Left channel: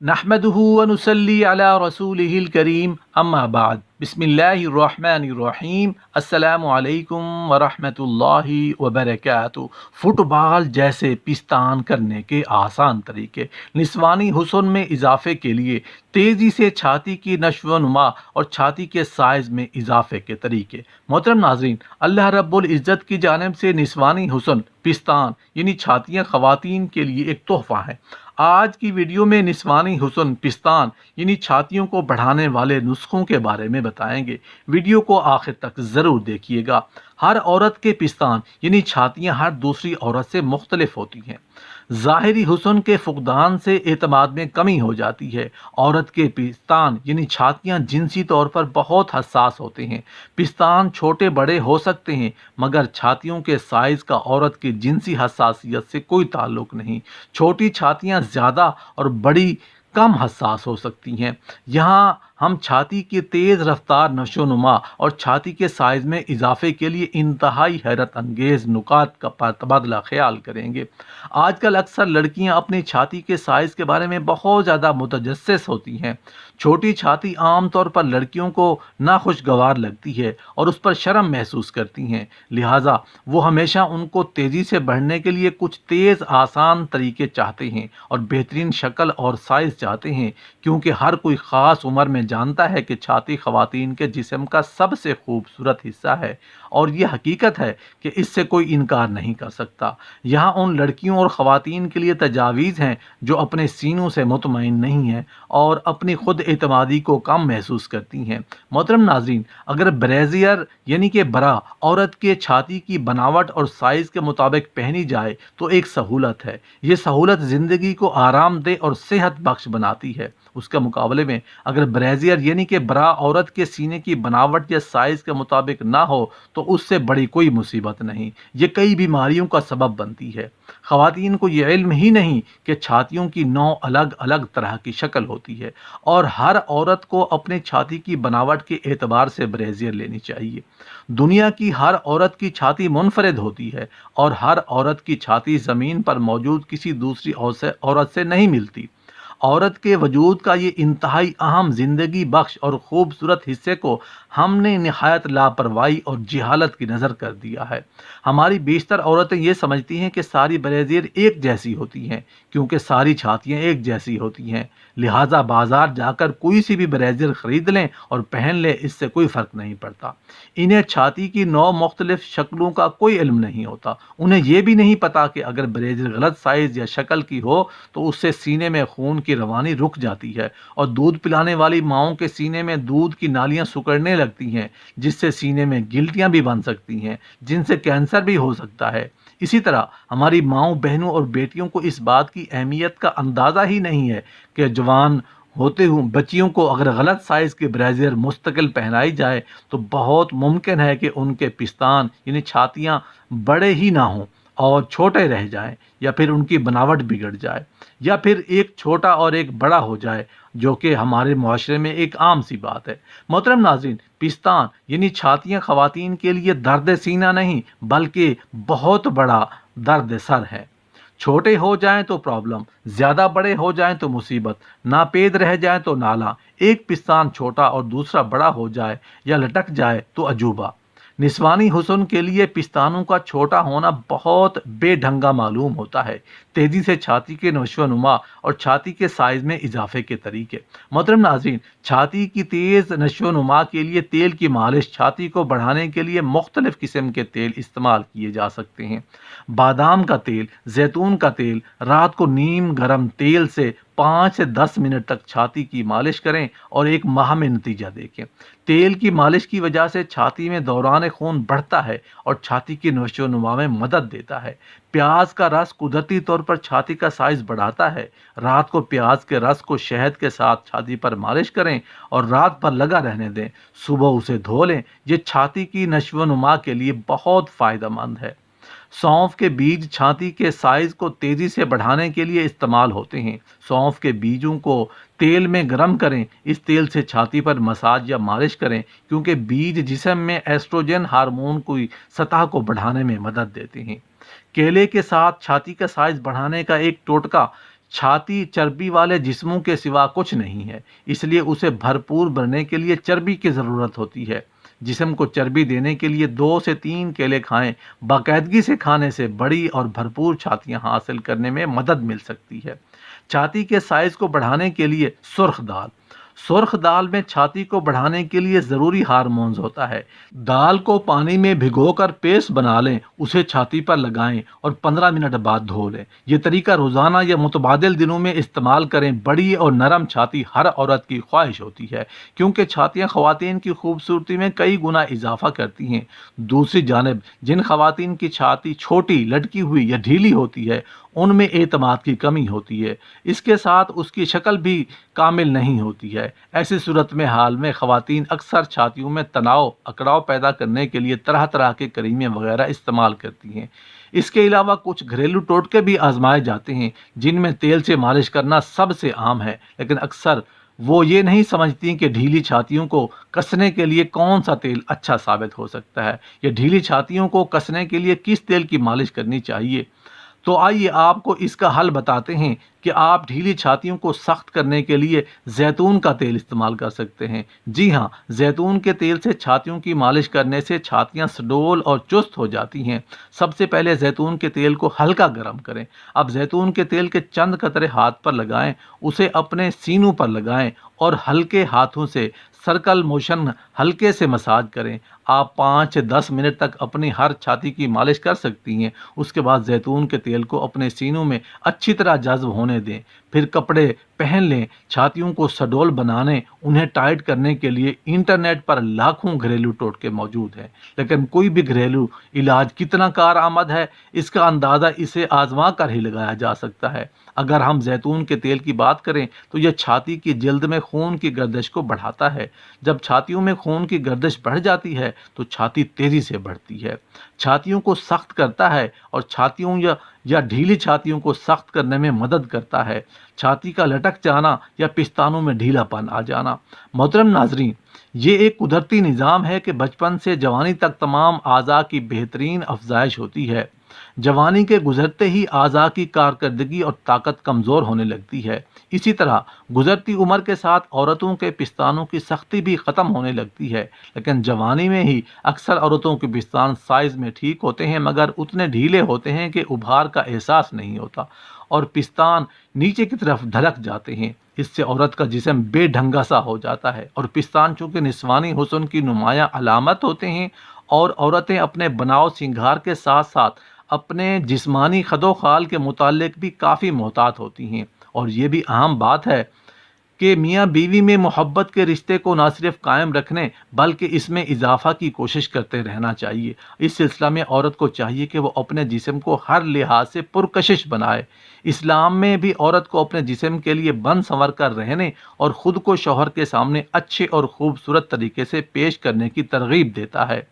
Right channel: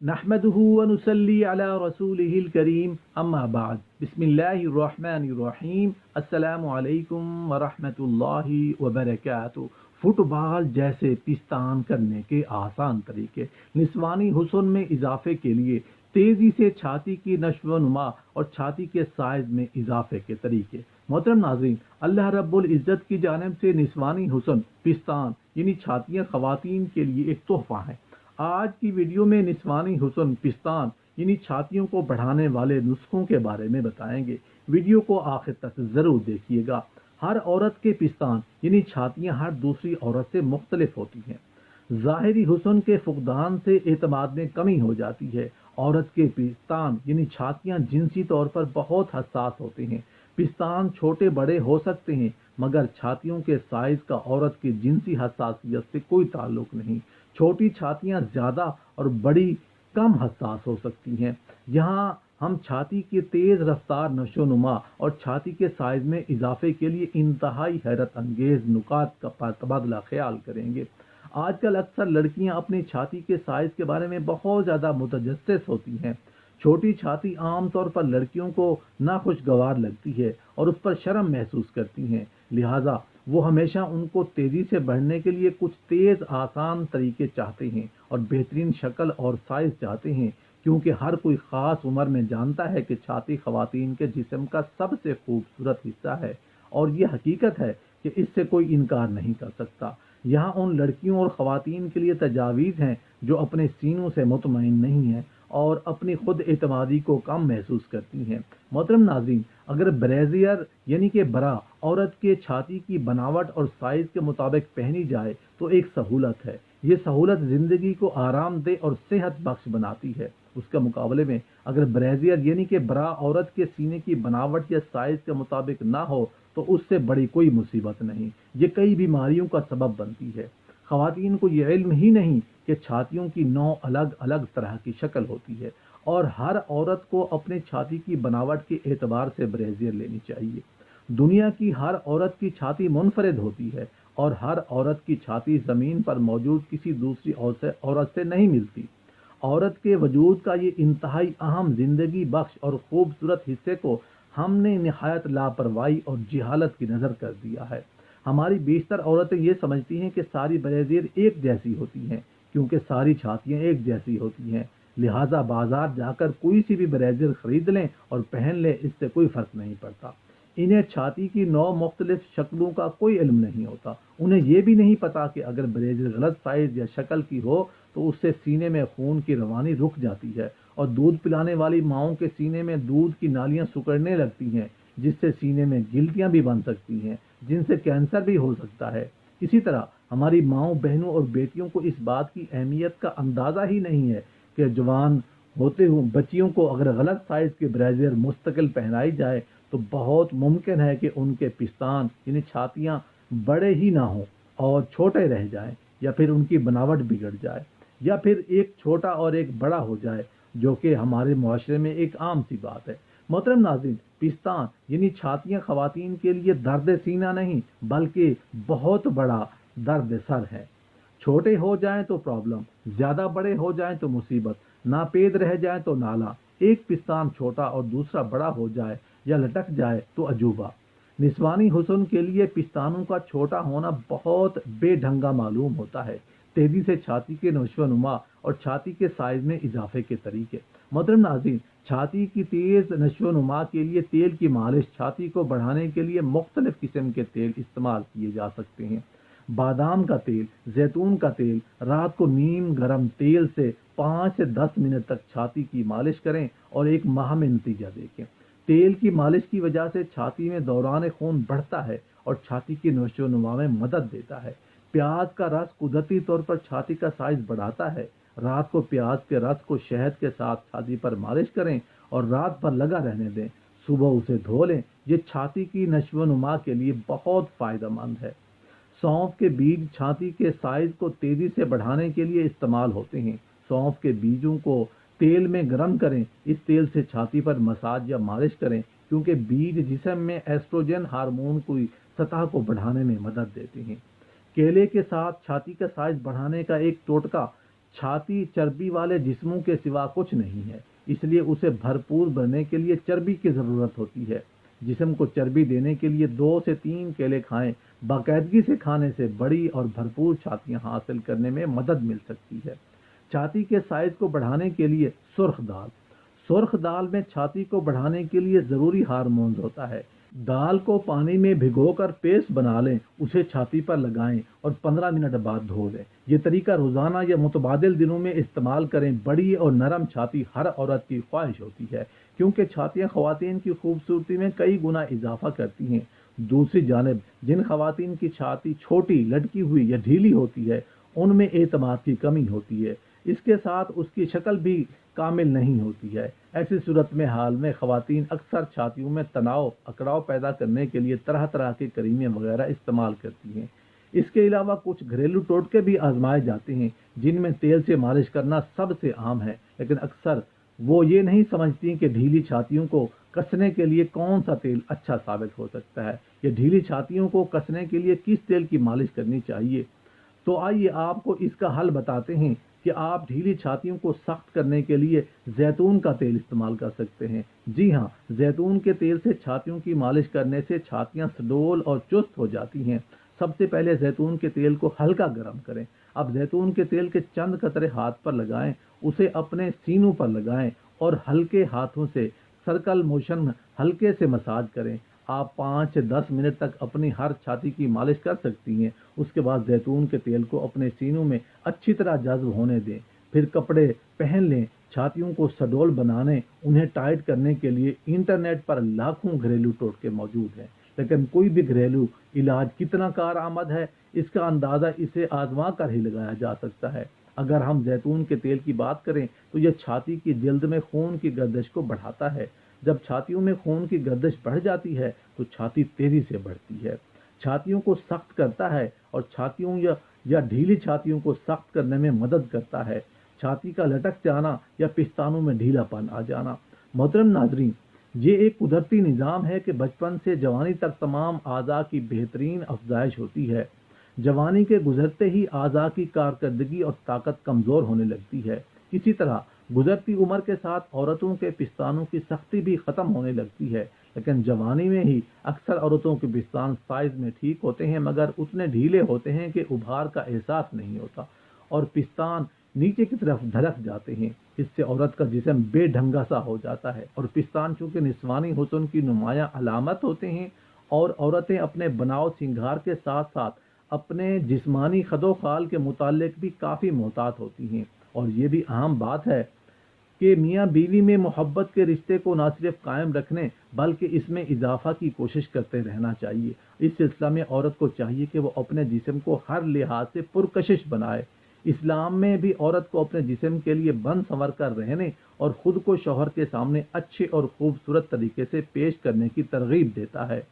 नहमदुहु व नुसल्ली अला रसूलिहिल करीम अम्मा बाद बिस्मिल्लाहिर रहमानिर रहीम अस्सलामु अलैकुम व रहमतुल्लाहि व बरकातुहू। फुटबॉल जैसे पिस्तान करने के आसान तरीके। निस्वानी हुस्न में इजाफे के लिए तेज़ी से छाती की नशो नुमा और छाती के साइज़ में इजाफे के तरीके। मोहतरम नाजरीन, अल्लाह रब्बुल इज़्ज़त की जानिब से निस्वानी हुस्न पिस्तान यानी छातियाँ ख़वातीन के लिए एक तोहफ़ा है। आज की वीडियो में निस्वानी हुस्न पिस्तान यानी छातियों को बढ़ाने वाले नुस्खों के बारे में बताएंगे। वीडियो को आखिर तक ज़रूर देखिएगा। हर औरत के पिस्तान यानी छातियाँ हर दूसरी औरत से मुख्तलिफ होती हैं। ज़ाहिरी हुस्न के फुकदान से एतमाद में कमी हो जाती है। औरत के पिस्तान यानी छातियाँ जिनसी तौर पर बहुत हसास होते हैं। पिस्तान छोटे बड़े हो सकते हैं, मगर छातियों के साइज़ का औरत की जिनसी हसासियत से कोई ताल्लुक नहीं। छोटी छातियाँ ज़्यादा और बड़ी कम हसास हो सकती हैं। यहाँ हम छाती की तेज़ रफ्तार नशोनुमा और छाती के साइज़ में इजाफे के लिए इंतहाई हैरत अंगेज़ नुकात का तबादला ख्याल करेंगे। आजकल अक्सर लड़कियां अपनी छाती के साइज़ के बारे में बहुत ज़्यादा मुतजस्सिस होती हैं। छोटी छाती आमतौर पर लड़कियों को नाखुशगवार लगती है और उस पर शर्म महसूस करती हैं। लिहाजा वो हमेशा उनको तेज़ी से बढ़ने के लिए कुछ तेज़ आसान तरीके चाहते हैं और बेहतरीन शक्ल और साइज़ चाहते हैं, क्योंकि हर कोई ख़ास उम्र में जानता है कि छाती ख़वातीन के जिस्म का सबसे खूबसूरत हिस्सा है और ये हकीकत है कि इससे कोई इनकार नहीं कर सकता। यहाँ उन लड़कियों और ख़वातीन के लिए तजावीज़ हैं जो अपने सीनों से मुतमईन नहीं हैं और अपनी खुद एतमादी को कम महसूस करती हैं। मोहतरम नाज़रीन, अगर ब्रेजियर यानी कि बरा औरत के छाती की बनावट और साइज़ के मुताबिक पहनी जाए तो एक सहूलत है। ये सहूलत ज़िंदगी को आरामदेह और सेहत बख्श बनाती है। उसके मुकाबले में अगर ब्रेजियर यानी कि बरा औरत के सीने की बनावट या साइज़ के मुताबिक ना हो तो उससे बड़ी कोई मुसीबत नहीं, ये कई बीमारियों का सबब बनती है। ख़वातीन को ये इल्म ही नहीं कि छातियों की 9 अलग अलग तरह की शक्ल होती है और हर औरत को अपने छाती की बनावट के एतबार से ब्रेजियर लेनी चाहिए। दुनिया की हर औरत की छाती मुनफरिद होती है और हर औरत की छाती ज़मीन पर मौजूद किसी दूसरी औरत से नहीं मिलती। औरत के वजूद का ये इंतहाई अहम ज़िंदगी बख्श और ख़ूबसूरत हिस्से को हमने नहायत लापरवाही और जहालत की नज़र कर दिया है। हमारी बेशतर औरतें ये समझती हैं कि सारी ब्रेज़ियर एक जैसी होती हैं, क्योंकि सारी छातियाँ एक जैसी होती हैं। लिहाजा बाज़ार जाकर कोई सी भी ब्रेज़ियर ख़रीद लें और पहन लें, इससे कोई फ़र्क नहीं पड़ता। इन्हें छाती की 9 मुख्तलिफ शक्लों का कोई इल्म नहीं होता। उन्हें यह भी नहीं पता कि अगर ब्रेज़ियर गलत साइज़ या शक्ल की हो तो उससे सीने में खून की रवानी रुक जाती है और दूध पिलाने वाली माओं के सीने में दूध की नालियां सिकुड़ने लगती हैं, जिससे सीने में गिल्टियां भी बन सकती हैं, जिनसे कैंसर भी हो सकता है। इसी तरह हमारी माओं, बहनों और बेटियों को इस बात की अहमियत का अंदाज़ा ही नहीं है कि जवान होते हुए बच्चियों को अगर गलत साइज़ के ब्रेजियर मुस्तकिल पहनाई जाए तो बहुत मुमकिन है कि उनके पिस्तान यानी छातियाँ बड़े ही ना हों और छोटे रह जाएं, या फिर उनकी बनावट बिगड़ जाए, या फिर एक छोटा और एक बड़ा हो जाए, जो कि हमारे मुआशरे में एक आम सी बात है। मोहतरम नाज़रीन, पिस्तान यानी छातियाँ ख़वातीन के लिए दर्द सीना नहीं बल्कि बहुत बड़ा दर्द सर है। छोटे हो जाएं तो प्रॉब्लम, ज़्यादा बड़े हो जाएं तो मुसीबत, नापेद रह जाएं तो नाला, एक पिस्तान छोटा और दूसरा बड़ा हो जाए या लटक जाए तो अजूबा। निस्वानी हुस्न के लिए पिस्तानों का छोटा होना बहुत बेढंगा मालूम होता है। तेज़ी से छाती के नशोनुमा और छाती के साइज़ में इजाफे के तरीके। मोहतरम नाज़रीन, छाती की तेज़ नशोनुमा के लिए तेल की मालिश। छाती को बढ़ाने के लिए मुख्तलिफ़ किस्म के तेल इस्तेमाल किए जा सकते हैं। बादाम का तेल, जैतून का तेल, रात को नीम गर्म तेल से 5 से 10 मिनट तक छाती की मालिश करें और एक माह में नतीजा देखें। तेल की मालिश की वजह से छाती में दौरान खून बढ़ता है और छाती की नशोनुमा में मदद देता है। प्याज का रस कुदरती तौर पर छाती का साइज बढ़ाता है। रात को प्याज के रस को शहद के साथ छाती पर मालिश करें और रात भर लगा रहने दें। सुबह उसे धो लें। ये छाती की नशोनुमा के लिए बहुत फ़ायदेमंद है। सौंफ के बीज छाती के साइज को तेजी से बढ़ाने के लिए इस्तेमाल होते हैं। सौंफ के बीजों को तेल में गर्म करें। इस तेल से छाती पर मसाज या मालिश करें, क्योंकि बीज जिस्म में एस्ट्रोजन हार्मोन की सतह को बढ़ाने में मदद देते हैं। केले के साथ छाती का साइज बढ़ाने का एक टोटका। छाती चर्बी वाले जिस्मों के सिवा कुछ नहीं है, इसलिए उसे भरपूर भरने के लिए चर्बी की ज़रूरत होती है। जिस्म को चर्बी देने के लिए 2 से 3 केले खाएं। बाकायदगी से खाने से बड़ी और भरपूर छातियाँ हासिल करने में मदद मिल सकती है। छाती के साइज़ को बढ़ाने के लिए सुर्ख दाल में छाती को बढ़ाने के लिए ज़रूरी हार्मोन्स होता है। दाल को पानी में भिगोकर पेस्ट बना लें, उसे छाती पर लगाएं और 15 मिनट बाद धो लें। ये तरीका रोज़ाना या मुतबादिल दिनों में इस्तेमाल करें। बड़ी और नरम छाती हर औरत की ख्वाहिश होती है, क्योंकि छातियाँ ख़वातीन की खूबसूरती में कई गुना इजाफा करती हैं। दूसरी जानिब जिन ख़वातीन की छाती छोटी, लटकी हुई या ढीली होती है, उनमें एतमाद की कमी होती है। इसके साथ उसकी शक्ल भी कामिल नहीं होती है। ऐसी सूरत में हाल में ख़वातीन अक्सर छातियों में तनाव अकड़ाव पैदा करने के लिए तरह तरह के करीमें वगैरह इस्तेमाल करती हैं। इसके अलावा कुछ घरेलू टोटके भी आजमाए जाते हैं, जिनमें तेल से मालिश करना सबसे आम है, लेकिन अक्सर वो ये नहीं समझती कि ढीली छातियों को कसने के लिए कौन सा तेल अच्छा साबित हो सकता है, या ढीली छातियों को कसने के लिए किस तेल की मालिश करनी चाहिए। तो आइए आपको इसका हल बताते हैं कि आप ढीली छातियों को सख्त करने के लिए जैतून का तेल इस्तेमाल कर सकते हैं। जी हाँ, जैतून के तेल से छातियों की मालिश करने से छातियाँ सुडौल और चुस्त हो जाती हैं। सबसे पहले जैतून के तेल को हल्का गर्म करें। अब जैतून के तेल के चंद कतरे हाथ पर लगाएं, उसे अपने सीनों पर लगाएं और हल्के हाथों से सर्कल मोशन हल्के से मसाज करें। आप 5 से 10 मिनट तक अपनी हर छाती की मालिश कर सकती हैं। उसके बाद जैतून के तेल को अपने सीनों में अच्छी तरह जज्ब होने दें। फिर कपड़े पहन लें। छातियों को सडौल बनाने, उन्हें टाइट करने के लिए इंटरनेट पर लाखों घरेलू टोटके मौजूद हैं, लेकिन कोई भी घरेलू इलाज कितना कारआमद है, इसका अंदाज़ा इसे आजमा कर ही लगाया जा सकता है। अगर हम जैतून के तेल की बात करें तो यह छाती की जल्द में खून की गर्दिश को बढ़ाता है। जब छातियों में खून की गर्दिश बढ़ जाती है तो छाती तेजी से बढ़ती है। छातियों को सख्त करता है और छातियों या ढीली छातियों को सख्त करने में मदद करता है। छाती का लटक जाना या पिस्तानों में ढीलापन आ जाना। मोहतरम नाजरीन, ये एक कुदरती निज़ाम है कि बचपन से जवानी तक तमाम आज़ा की बेहतरीन अफजाइश होती है। जवानी के गुजरते ही आज़ा की कारकर्दगी और ताकत कमज़ोर होने लगती है। इसी तरह गुजरती उम्र के साथ औरतों के पिस्तानों की सख्ती भी ख़त्म होने लगती है, लेकिन जवानी में ही अक्सर औरतों के पिस्तान साइज़ में ठीक होते हैं, मगर उतने ढीले होते हैं कि उभार का एहसास नहीं होता और पिस्तान नीचे की तरफ ढलक जाते हैं। इससे औरत का जिस्म बेढंगा सा हो जाता है और पिस्तान चूँकि निस्वानी हुस्न की नुमायाँ अलामत होते हैं, और औरतें अपने बनाव सिंगार के साथ साथ अपने जिस्मानी खदोखाल के मुतालिक भी काफ़ी मोहतात होती हैं। और ये भी अहम बात है कि मियाँ बीवी में मोहब्बत के रिश्ते को ना सिर्फ कायम रखने बल्कि इसमें इजाफा की कोशिश करते रहना चाहिए। इस सिलसिला में औरत को चाहिए कि वो अपने जिस्म को हर लिहाज से पुरकशिश बनाए। इस्लाम में भी औरत को अपने जिस्म के लिए बन संवर कर रहने और ख़ुद को शौहर के सामने अच्छे और ख़ूबसूरत तरीके से पेश करने की तरगीब देता है।